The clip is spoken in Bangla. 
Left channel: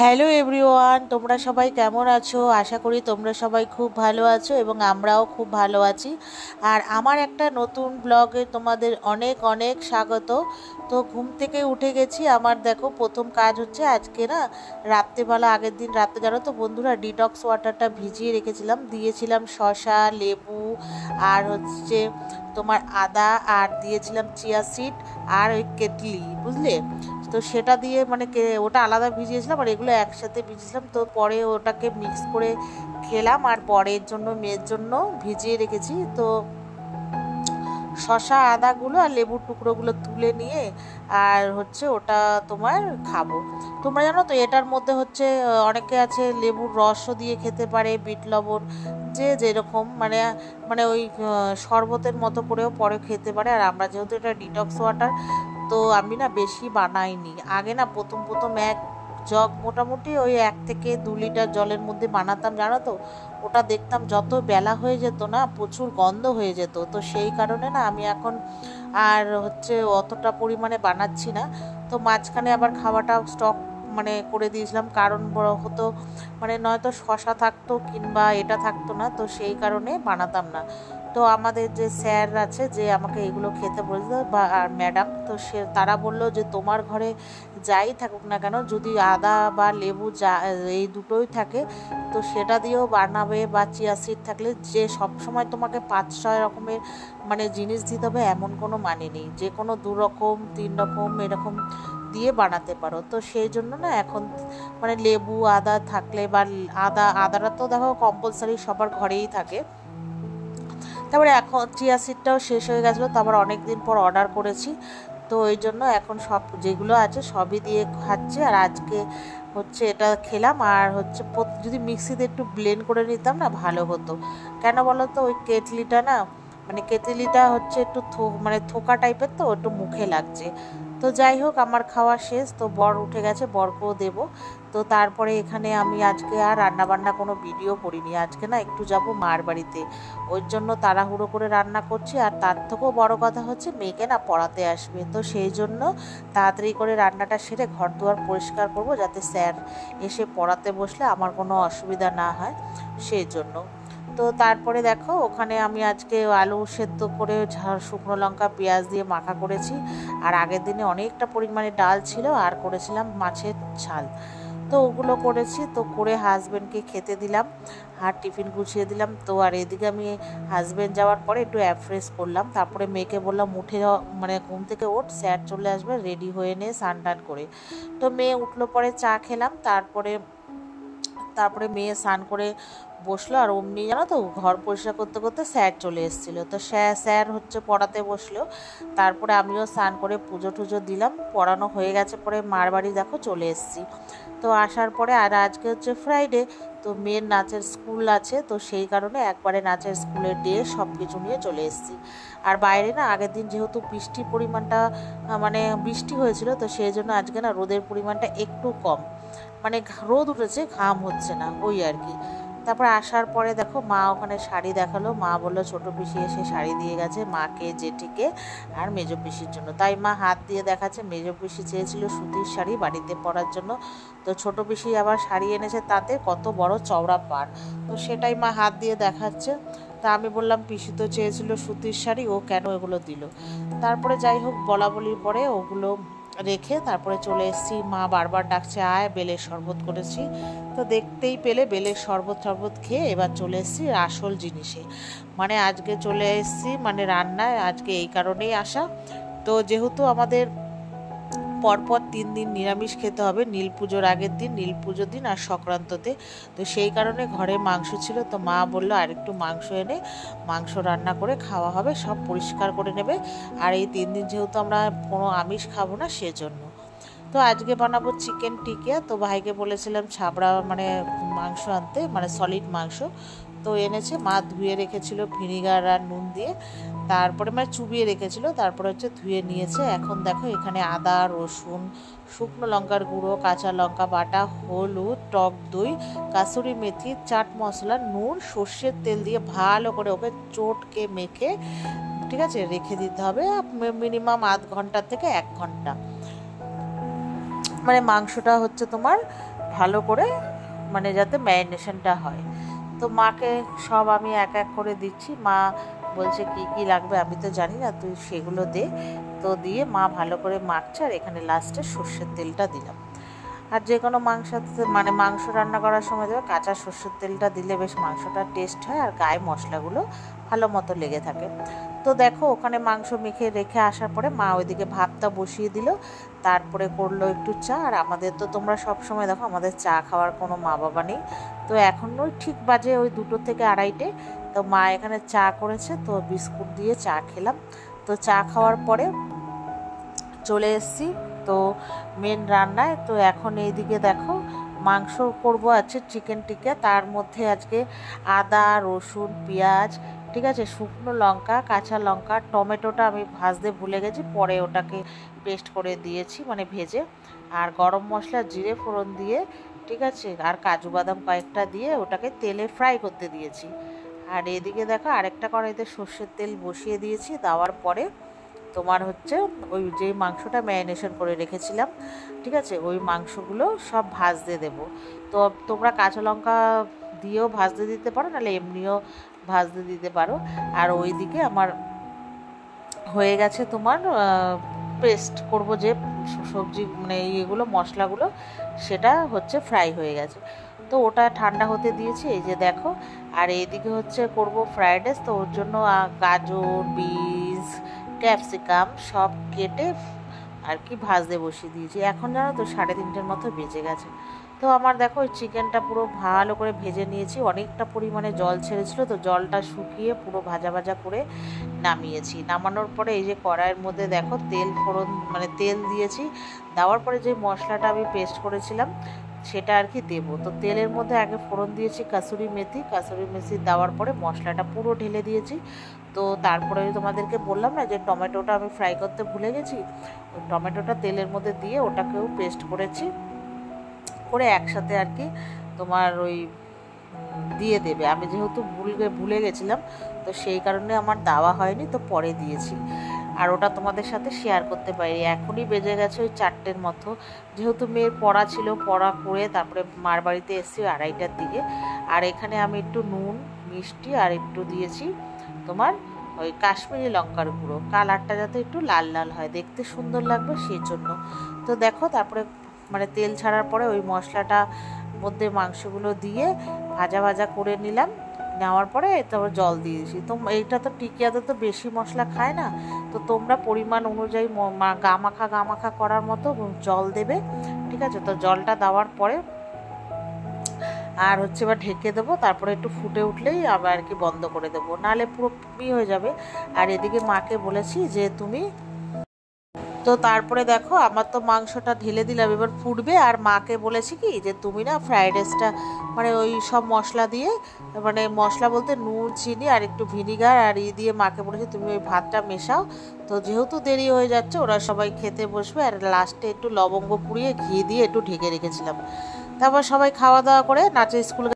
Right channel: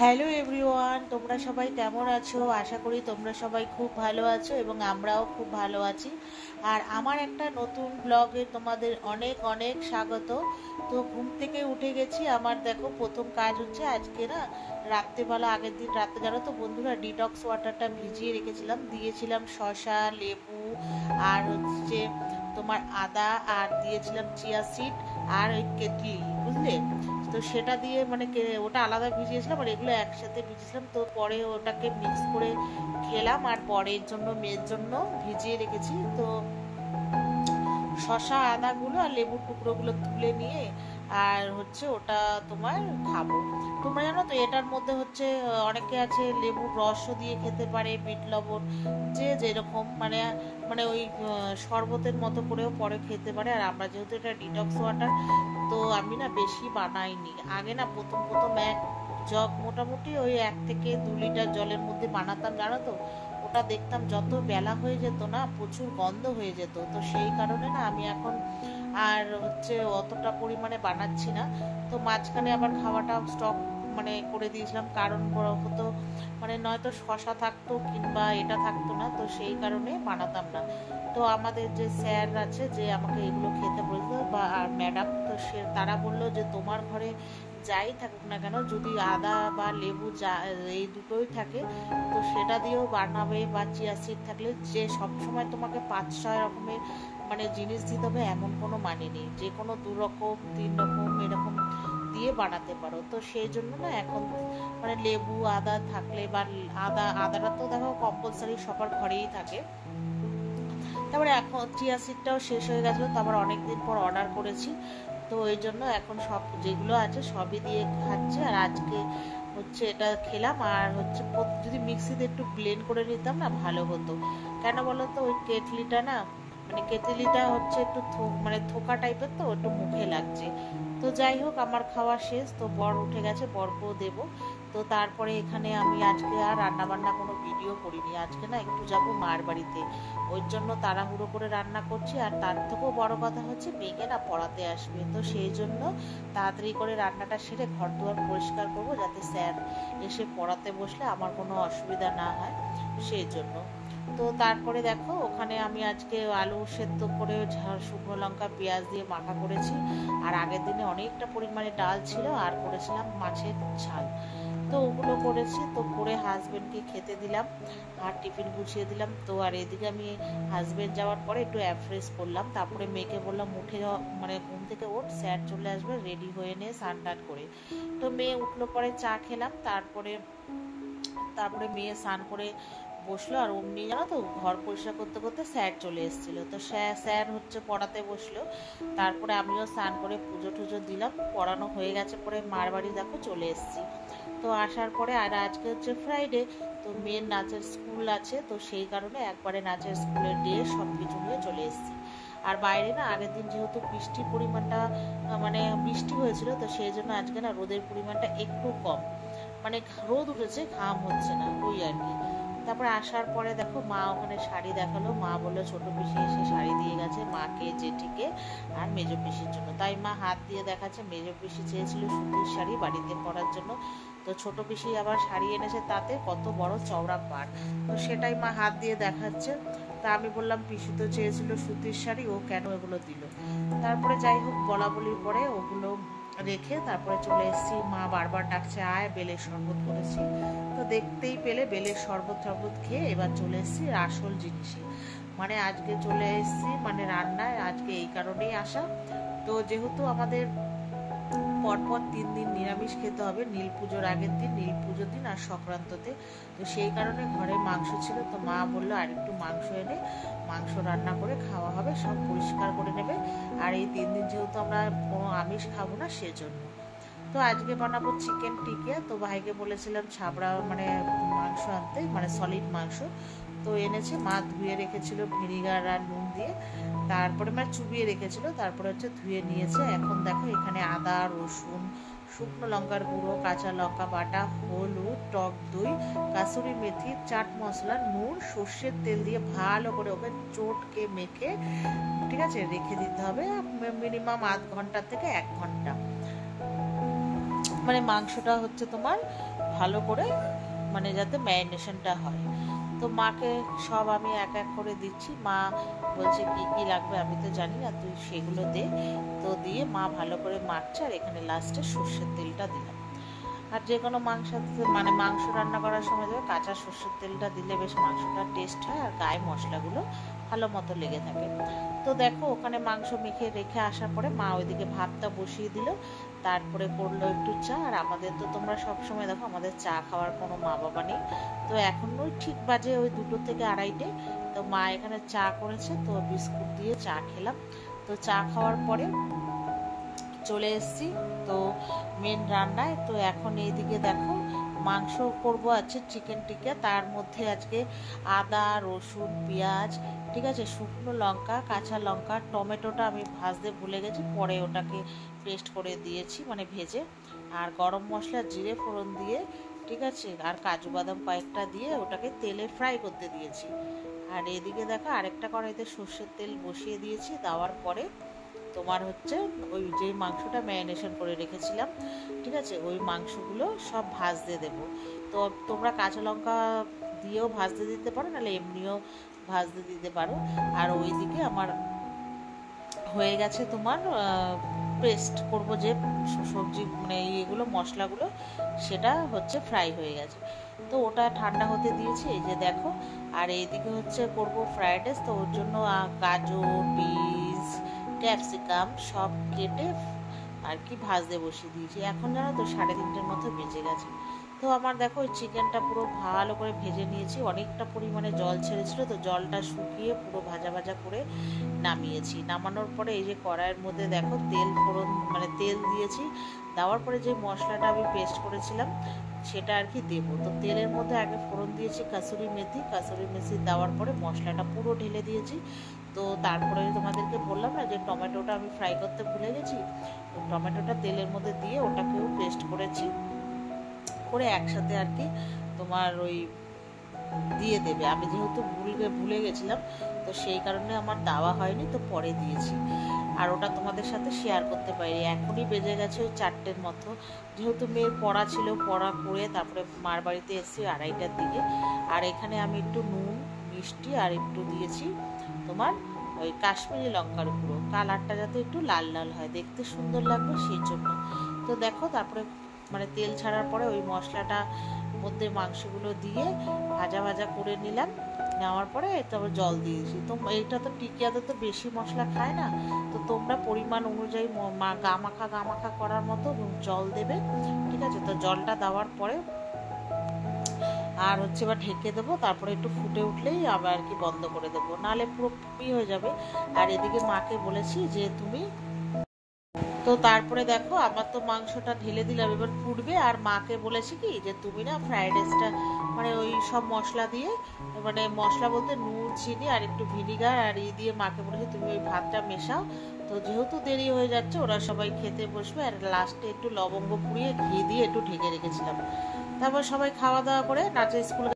হ্যালো এভরিওয়ান, তোমরা সবাই কেমন আছো? আশা করি তোমরা সবাই খুব ভালো আছো এবং আমরাও খুব ভালো আছি। আর আমার একটা নতুন ব্লগে তোমাদের অনেক অনেক স্বাগত। তো ঘুম থেকে উঠে গেছি। আমার দেখো প্রথম কাজ হচ্ছে আজকে না রাত্রেবেলা, আগের দিন রাতে জানো তো বন্ধুরা, ডিটক্স ওয়াটারটা ভিজিয়ে রেখেছিলাম, দিয়েছিলাম শসা, লেবু আর হচ্ছে তোমার আদা, আর দিয়েছিলাম চিয়া সিড আর ওই কেটলি, বুঝলে? তো সেটা দিয়ে মানে ওটা আলাদা ভিজিয়েছিলাম আর এগুলো একসাথে ভিজিয়েছিলাম। তো পরে ওটাকে মিক্স করে খেলাম আর বরের জন্য, মেয়ের জন্য ভিজিয়ে রেখেছি। তো শসা আদাগুলো আর লেবুর টুকরোগুলো তুলে নিয়ে আর হচ্ছে ওটা তোমার খাবো। তোমরা জানো তো এটার মধ্যে হচ্ছে অনেকে আছে লেবুর রসও দিয়ে খেতে পারে, বিট লবণ, যে যেরকম মানে মানে ওই শরবতের মতো করেও পরে খেতে পারে। আর আমরা যেহেতু এটা ডিটক্স ওয়াটার, তো আমি না বেশি বানাইনি। আগে না প্রথম প্রথম এক জগ মোটামুটি ওই 1 থেকে 2 লিটার জলের মধ্যে বানাতাম, জানো তো। ওটা দেখতাম যত বেলা হয়ে যেত না প্রচুর গন্ধ হয়ে যেত। তো সেই কারণে না আমি এখন আর হচ্ছে অতটা পরিমাণে বানাচ্ছি না। তো মাঝখানে আবার খাওয়াটা স্টক মানে করে দিয়েছিলাম, কারণ বড় হতো মানে নয়তো শশা থাকতো কিংবা এটা থাকতো না, তো সেই কারণে বানাতাম না। তো আমাদের যে স্যার আছে যে আমাকে এগুলো খেতে বলতো বা আর ম্যাডাম, তো সে তারা বললো যে তোমার ঘরে যাই থাকুক না কেন, যদি আদা বা লেবু যা এই দুটোই থাকে তো সেটা দিয়েও বানাবে, বা চিয়া সিড থাকলে, যে সব সময় তোমাকে 5-6 রকমের মানে জিনিস দিতে হবে এমন কোনো মানে নেই। যে কোনো 2 রকম 3 রকম এরকম দিয়ে বানাতে পারো। তো সেই জন্য না এখন মানে লেবু আদা থাকলে, বা আদাটা তো দেখো কম্পালসারি সবার ঘরেই থাকে। তারপরে এখন চিয়া সিডটাও শেষ হয়ে গেছিলো, তারপর অনেক দিন পর অর্ডার করেছি। তো ওই জন্য এখন সব যেগুলো আছে সবই দিয়ে খাচ্ছি। আর আজকে হচ্ছে এটা খেলাম। আর হচ্ছে যদি মিক্সিতে একটু ব্লেন্ড করে নিতাম না ভালো হতো। কেন বলো তো, ওই কেটলিটা না মানে কেটলিটা হচ্ছে একটু মানে থোকা টাইপের, তো একটু মুখে লাগছে। তো যাই হোক, আমার খাওয়া শেষ। তো বর উঠে গেছে, বরকেও দেবো। তো তারপরে এখানে আমি আজকে আর রান্নাবান্না কোনো ভিডিও করিনি। আজকে না একটু যাব মার বাড়িতে, ওই জন্য তাড়াহুড়ো করে রান্না করছি। আর তার থেকেও বড় কথা হচ্ছে মেয়েকে না পড়াতে আসবে, তো সেই জন্য তাড়াতাড়ি করে রান্নাটা সেরে ঘর দুয়ার পরিষ্কার করব, যাতে স্যার এসে পড়াতে বসলে আমার কোনো অসুবিধা না হয়, সেই জন্য। তো তারপরে দেখো ওখানে আমি আজকে আলু সেদ্ধ করে শুকনো লঙ্কা পেঁয়াজ দিয়ে মাখা করেছি। আর আগের দিনে অনেকটা পরিমাণে ডাল ছিল, আর করেছিলাম মাছের ঝাল। তো ওগুলো করেছি। তো করে হাজব্যান্ডকে খেতে দিলাম আর টিফিন গুছিয়ে দিলাম। তো আর এদিকে আমি হাজব্যান্ড যাওয়ার পরে একটু ফ্রেশ করলাম। তারপরে মেয়েকে বললাম উঠে মানে ঘুম থেকে ওঠ, স্যার চলে আসবে, রেডি হয়ে নে স্নান টান করে। তো মেয়ে উঠলো, পরে চা খেলাম। তারপরে তারপরে মেয়ে স্নান করে বসলো। আর অমনি জানো তো ঘর পরিষ্কার করতে করতে স্যার চলে এসেছিলো। তো স্যার হচ্ছে পড়াতে বসলো। তারপরে আমিও স্নান করে পুজো টুজো দিলাম, পড়ানো হয়ে গেছে। পরে মার বাড়ি দেখো চলে এসেছি। তো আসার পরে আর আজকে হচ্ছে ফ্রাইডে, তো মেয়ের নাচের স্কুল আছে, তো সেই কারণে একবারে নাচের স্কুলের ডে সব কিছু নিয়ে চলে এসেছি। আর বাইরে না আগের দিন যেহেতু বৃষ্টির পরিমাণটা মানে বৃষ্টি হয়েছিল, তো সেই জন্য আজকে না রোদের পরিমাণটা একটু কম, মানে রোদ উঠেছে ঘাম হচ্ছে না, ওই আর কি। তারপর আসার পরে দেখো মা ওখানে শাড়ি দেখালো। মা বললো ছোটো পিসি এসে শাড়ি দিয়ে গেছে মাকে, জেঠিকে আর মেজো পিসির জন্য। তাই মা হাত দিয়ে দেখাচ্ছে। মেজো পিসি চেয়েছিল সুতির শাড়ি বাড়িতে পরার জন্য, তো ছোটো পিসি আবার শাড়ি এনেছে তাতে কত বড় চওড়া পাড়, তো সেটাই মা হাত দিয়ে দেখাচ্ছে। তা আমি বললাম পিসি তো চেয়েছিল সুতির শাড়ি, ও কেন এগুলো দিল। তারপরে যাই হোক বলা বলির পরে ওগুলো রেখে তারপরে চলে এসেছি। মা বারবার ডাকছে আয়, বেলের শরবত করেছি। তো দেখতেই পেলে বেলের শরবত খেয়ে এবার চলে এসেছি আসল জিনিসে, মানে আজকে চলে এসেছি মানে রান্নায়। আজকে এই কারণেই আসা, তো যেহেতু আমাদের পরপর 3 দিন নিরামিষ খেতে হবে, নীল পুজোর আগের দিন, নীল পুজোর দিন আর সংক্রান্ততে। তো সেই কারণে ঘরে মাংস ছিল। তো মা বললো আর একটু মাংস এনে মাংস রান্না করে খাওয়া হবে, সব পরিষ্কার করে নেবে। আর এই 3 দিন যেহেতু আমরা কোনো আমিষ খাবো না, সেজন্য। তো আজকে বানাবো চিকেন টিকিয়া। তো ভাইকে বলেছিলাম ছাবড়া মানে মাংস আনতে, মানে সলিড মাংস। তো এনেছে, মা ধুয়ে রেখেছিল ভিনিগার আর নুন দিয়ে, তারপরে মানে চুবিয়ে রেখেছিল, তারপরে হচ্ছে ধুয়ে নিয়েছে। এখন দেখো এখানে আদা, রসুন, শুকনো লঙ্কার গুঁড়ো, কাঁচা লঙ্কা বাটা, হলুদ, টক দই, কাসুরি মেথি, চাট মশলা, নুন, সর্ষের তেল দিয়ে ভালো করে ওকে চটকে মেখে ঠিক আছে রেখে দিতে হবে মিনিমাম আধ ঘন্টা থেকে 1 ঘন্টা। মানে মাংসটা হচ্ছে তোমার ভালো করে মানে যাতে ম্যারিনেশনটা হয়। তো মাকে সব আমি এক এক করে দিচ্ছি। মা বলছে কি কি লাগবে আমি তো জানি না, তুই সেগুলো দে। তো দিয়ে মা ভালো করে মাখছে, আর এখানে লাস্টে সর্ষের তেলটা দিলাম। আর যে কোনো মাংস মানে মাংস রান্না করার সময় দেবে কাঁচা সর্ষের তেলটা দিলে বেশ মাংসটা টেস্ট হয়, আর গায়ে মশলাগুলো ভালো মতো লেগে থাকে। তো দেখো ওখানে মাংস মেখে রেখে আসার পরে মা ওইদিকে ভাতটা বসিয়ে দিল, তারপরে করলো একটু চা। আর আমাদের তো তোমরা সব সময় দেখো আমাদের চা খাওয়ার কোনো মা বাবা নেই, তো এখন ওই ঠিক বাজে ওই 2টো থেকে 2:30। তো মা এখানে চা করেছে, তো বিস্কুট দিয়ে চা খেলাম। তো চা খাওয়ার পরে চলে এসেছি তো মেন রান্নায়। তো এখন এইদিকে দেখো মাংস করব আছে চিকেন টিক্কা, তার মধ্যে আজকে আদা রসুন পেঁয়াজ, ঠিক আছে, শুকনো লঙ্কা কাঁচা লঙ্কা টমেটোটা আমি ভাজতে ভুলে গেছি, পরে ওটাকে পেস্ট করে দিয়েছি মানে ভেজে, আর গরম মশলা জিরে ফোড়ন দিয়ে, ঠিক আছে, আর কাজু বাদাম কয়েকটা দিয়ে ওটাকে তেলে ফ্রাই করতে দিয়েছি। আর এদিকে দেখো আরেকটা কড়াইতে সর্ষের তেল বসিয়ে দিয়েছি, দেওয়ার পরে তোমার হচ্ছে ওই যেই মাংসটা ম্যারিনেশন করে রেখেছিলাম, ঠিক আছে, ওই মাংসগুলো সব ভাজতে দেবো। তো তোমরা কাঁচা লঙ্কা দিয়েও ভাজতে দিতে পারো, নাহলে এমনিও ভাজতে দিতে পারো। আর ওইদিকে আমার হয়ে গেছে তোমার পেস্ট করব যে সবজি মানে এগুলো মশলাগুলো, সেটা হচ্ছে ফ্রাই হয়ে গেছে। তো ওটা ঠান্ডা হতে দিয়েছি, এই যে দেখো। আর এইদিকে হচ্ছে করব ফ্রাইড রাইস, তো ওর জন্য গাজর বিনস ক্যাপসিকাম সব কেটে আর কি ভাজতে বসিয়ে দিয়েছি। এখন জানো তো 3:30 মতো বেজে গেছে। তো আমার দেখো ওই চিকেনটা পুরো ভালো করে ভেজে নিয়েছি, অনেকটা পরিমাণে জল ছেড়েছিল, তো জলটা শুকিয়ে পুরো ভাজা ভাজা করে নামিয়েছি। নামানোর পরে এই যে কড়াইয়ের মধ্যে দেখো তেল ফোড়ন মানে তেল দিয়েছি, দেওয়ার পরে যে মশলাটা আমি পেস্ট করেছিলাম সেটা আর কি দেবো। তো তেলের মধ্যে আগে ফোড়ন দিয়েছি কাসুরি মেথি দেওয়ার পরে মশলাটা পুরো ঢেলে দিয়েছি। তো তারপরে তোমাদেরকে বললাম না যে টমেটোটা আমি ফ্রাই করতে ভুলে গেছি, ওই টমেটোটা তেলের মধ্যে দিয়ে ওটাকেও পেস্ট করেছি, করে একসাথে আর কি তোমার ওই দিয়ে দেবে। আমি যেহেতু ভুলে গেছিলাম, তো সেই কারণে আমার দেওয়া হয়নি, তো পরে দিয়েছি। আর ওটা তোমাদের সাথে শেয়ার করতে পারি। এখনই বেজে গেছে ওই 4টের মতো, যেহেতু মেয়ের পড়া ছিল, পড়া করে তারপরে মার বাড়িতে এসেছি 2:30টার দিকে। আর এখানে আমি একটু নুন মিষ্টি আর একটু দিয়েছি তোমার ওই কাশ্মীরি লঙ্কার গুঁড়ো, কালারটা যাতে একটু লাল লাল হয়, দেখতে সুন্দর লাগবে সেই জন্য। তো দেখো তারপরে মানে তেল ছাড়ার পরে ওই মশলাটা মধ্যে মাংসগুলো দিয়ে ভাজা ভাজা করে নিলাম। নেওয়ার পরে তারপর জল দিয়েছি। তো এইটা তো টিকিয়াতে তো বেশি মশলা খায় না, তো তোমরা পরিমাণ অনুযায়ী গা মাখা করার মতো জল দেবে, ঠিক আছে। তো জলটা দেওয়ার পরে আর হচ্ছে এবার ঢেকে দেবো, তারপরে একটু ফুটে উঠলেই আবার আর কি বন্ধ করে দেবো, নাহলে পুরো পুড়ি হয়ে যাবে। আর এদিকে মাকে বলেছি যে তুমি, তো তারপরে দেখো আমার তো মাংসটা ঢেলে দিলাম, এবার ফুটবে। আর মাকে বলেছি কি যে তুমি না ফ্রাইড রাইসটা মানে ওই সব মশলা দিয়ে, মানে মশলা বলতে নুন চিনি আর একটু ভিনিগার আর দিয়ে মাকে বলেছি তুমি ওই ভাতটা মেশাও। তো যেহেতু দেরি হয়ে যাচ্ছে ওরা সবাই খেতে বসবে, আর লাস্টে একটু লবঙ্গ পুড়িয়ে ঘি দিয়ে একটু ঢেকে রেখেছিলাম। তারপর সবাই খাওয়া দাওয়া করে নাচের স্কুল